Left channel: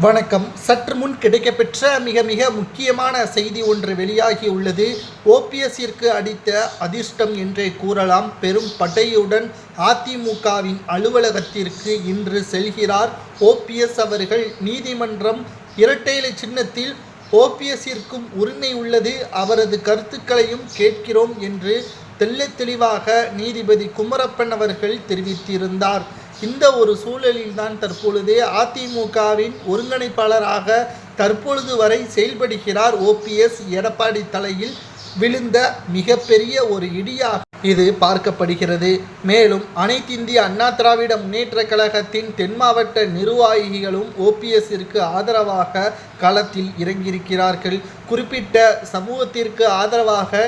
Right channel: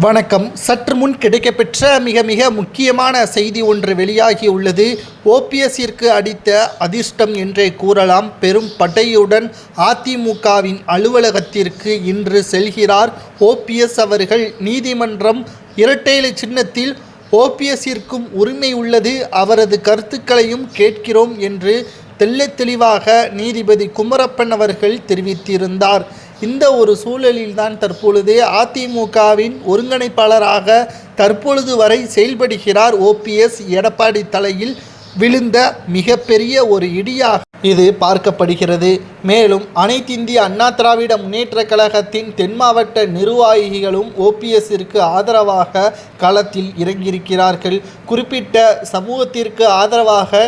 வணக்கம். சற்று முன் கிடைக்கப்பெற்ற மிக முக்கியமான செய்தி ஒன்று வெளியாகியுள்ளது. ஓபிஎஸ்ஸிற்கு அடித்த அதிர்ஷ்டம் என்றே கூறலாம். பெரும் படையுடன் அதிமுகவின் அலுவலகத்திற்கு இன்று செல்கிறார் ஓபிஎஸ் அவர்கள். நீதிமன்றம் இரட்டை இலை சின்னத்தில் ஓபிஎஸ்ஸிற்கும் உரிமை உள்ளது, அவரது கருத்துக்களையும் கேட்கிறோம் என்று தெளிவாக நீதிபதி குமரப்பன் அவர்கள் தெரிவித்திருந்தார். இந்த ஒரு சூழலில்தான் தற்பொழுது அதிமுகவின் ஒருங்கிணைப்பாளராக தற்பொழுது வரை செயல்படுகிறார் ஓபிஎஸ். எடப்பாடி தலையில் விழுந்த மிகப்பெரிய ஒரு இடியாக இது பார்க்கப்படுகிறது. மேலும் அனைத்திந்திய அண்ணா திராவிட முன்னேற்றக் கழகத்தின் தென் மாவட்ட நிர்வாகிகளும் ஓபிஎஸ்ஸிற்கு ஆதரவாக களத்தில் இறங்கியிருக்கிறார்கள். குறிப்பிட்ட சமூகத்திற்கு ஆதரவாக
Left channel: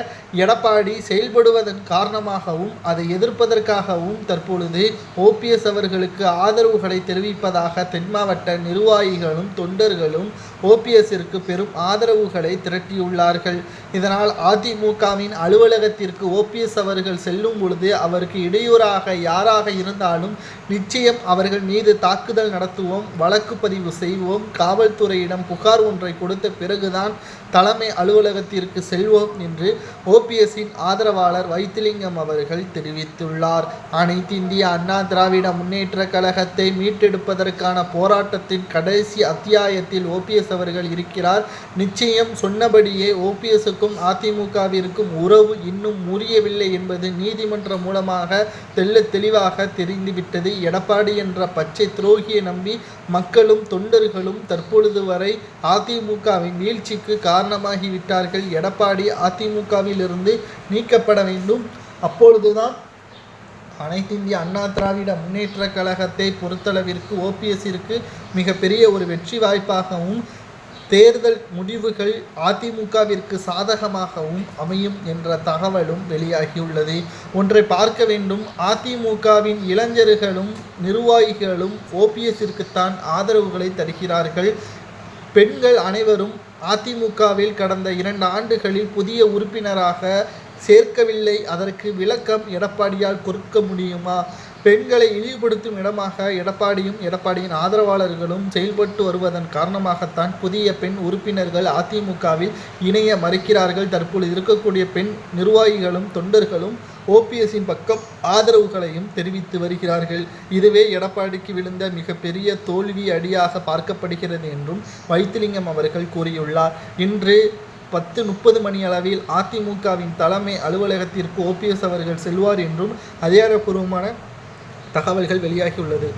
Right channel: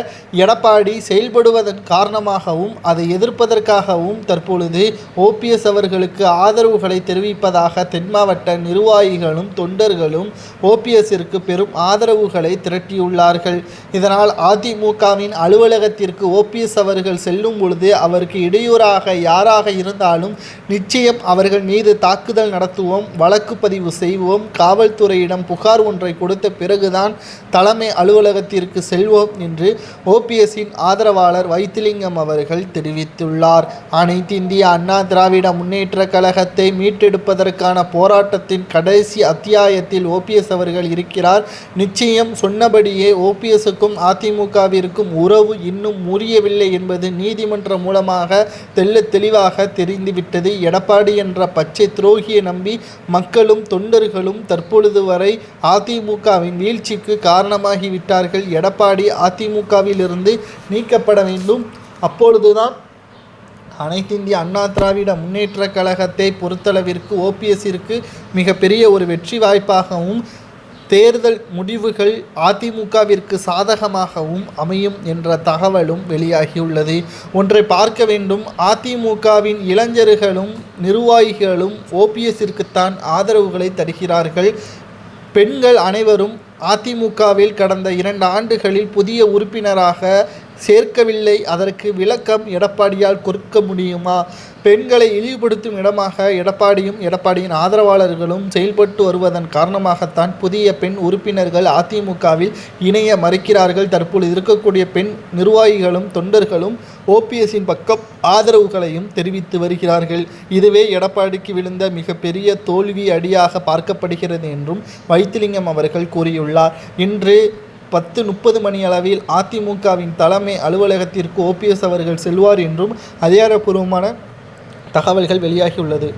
எடப்பாடி செயல்படுவதன் காரணமாகவும் அதை எதிர்ப்பதற்காகவும் தற்பொழுது ஓபிஎஸ் அவர்களுக்கு ஆதரவுகளை தெரிவிப்பதாக தென் மாவட்ட நிர்வாகிகளும் தொண்டர்களும் ஓபிஎஸ்ஸிற்கு பெரும் ஆதரவுகளை திரட்டியுள்ளார்கள். இதனால் அதிமுகவின் அலுவலகத்திற்கு ஓபிஎஸ் அவர்கள் செல்லும் பொழுது அவருக்கு இடையூறாக யாராக இருந்தாலும் நிச்சயம் அவர்கள் மீது தாக்குதல் நடத்துவோம், வழக்கு பதிவு செய்வோம், காவல்துறையிடம் புகார் ஒன்றை கொடுத்த பிறகுதான் தலைமை அலுவலகத்திற்கு செல்வோம் என்று ஓபிஎஸ்ஸின் ஆதரவாளர் வைத்திலிங்கம் அவர்கள் தெரிவித்துள்ளார். அனைத்து இந்திய அண்ணா திராவிட முன்னேற்ற கழகத்தை மீட்டெடுப்பதற்கான போராட்டத்தின் கடைசி அத்தியாயத்தில் ஓபிஎஸ் அவர்கள் இருக்கிறார். நிச்சயம் சொன்னபடியே ஓபிஎஸ்ஸுக்கும் அதிமுகவிற்கும் உறவு இன்னும் முறியவில்லை என்பது நீதிமன்றம் மூலமாக தெளிவாக தெரிந்துவிட்டது. எடப்பாடி என்ற பச்சை துரோகியை நம்பி மக்களும் தொண்டர்களும் தற்பொழுது வரை அதிமுகவின் வீழ்ச்சிக்கு காரணமாகிவிட்டார்கள். எடப்பாடி அதிமுகவிலிருந்து நீக்கப்பட வேண்டும். அப்பொழுதுதான் அனைத்திந்திய அண்ணா திராவிட முன்னேற்ற கழகத்தை பொறுத்தளவிற்கு ஓபிஎஸ்ஸிற்கு மிகப்பெரிய ஒரு வெற்றி வாய்ப்பாகவும் தேர்தல் முடிவுகள் அதிமுகவிற்கு சாதகமாகவும் அமையும் என்ற தகவலும் வெளியாகியுள்ளது. ஒன்றை பார்க்க வேண்டும், அதிமுகவின் இளைஞர்களும் நிர்வாகிகளும் ஓபிஎஸ்ஸிற்குத்தான் ஆதரவுகளை தருகிறார்கள். பெண்கள் அனைவரும் அதிமுகவில் கடந்த 2 ஆண்டுகளில் புதிய உறுப்பினராக சேர்க்கவில்லை. அதற்கு விளக்கம் எடப்பாடியால் கொடுக்க முடியுமா? பெண்களை இழிவுபடுத்தும் இடமாக எடப்பாடியும் எடப்பாடியின் ஆதரவாளர்களும் செயல்பட்டு வருவதன் காரணமாகத்தான் புதிய பெண் உறுப்பினர்கள் அதிமுகவில் இணைய மறுக்கிறார்கள். தற்பொழுது இருக்கக்கூடிய பெண் நிர்வாகிகளும் தொண்டர்களும் ஓபிஎஸ்ஸின் பக்கம் ஆதரவுகளையும் தெரிவித்து வருகிறார்கள். இதுவே எடப்பாடிக்கு விழுந்த மிகப்பெரிய தோல்வி அடியாக பார்க்கப்படுகிறது என்றும் வைத்திலிங்கம் அவர்கள் கூறியுள்ளார். இன்று 10:30 மணி அளவில் அதிமுகவின் தலைமை அலுவலகத்திற்கு ஓபிஎஸ் அவர்கள் செல்வார் என்றும் அதிகாரப்பூர்வமான தகவல்கள் வெளியாகியுள்ளது.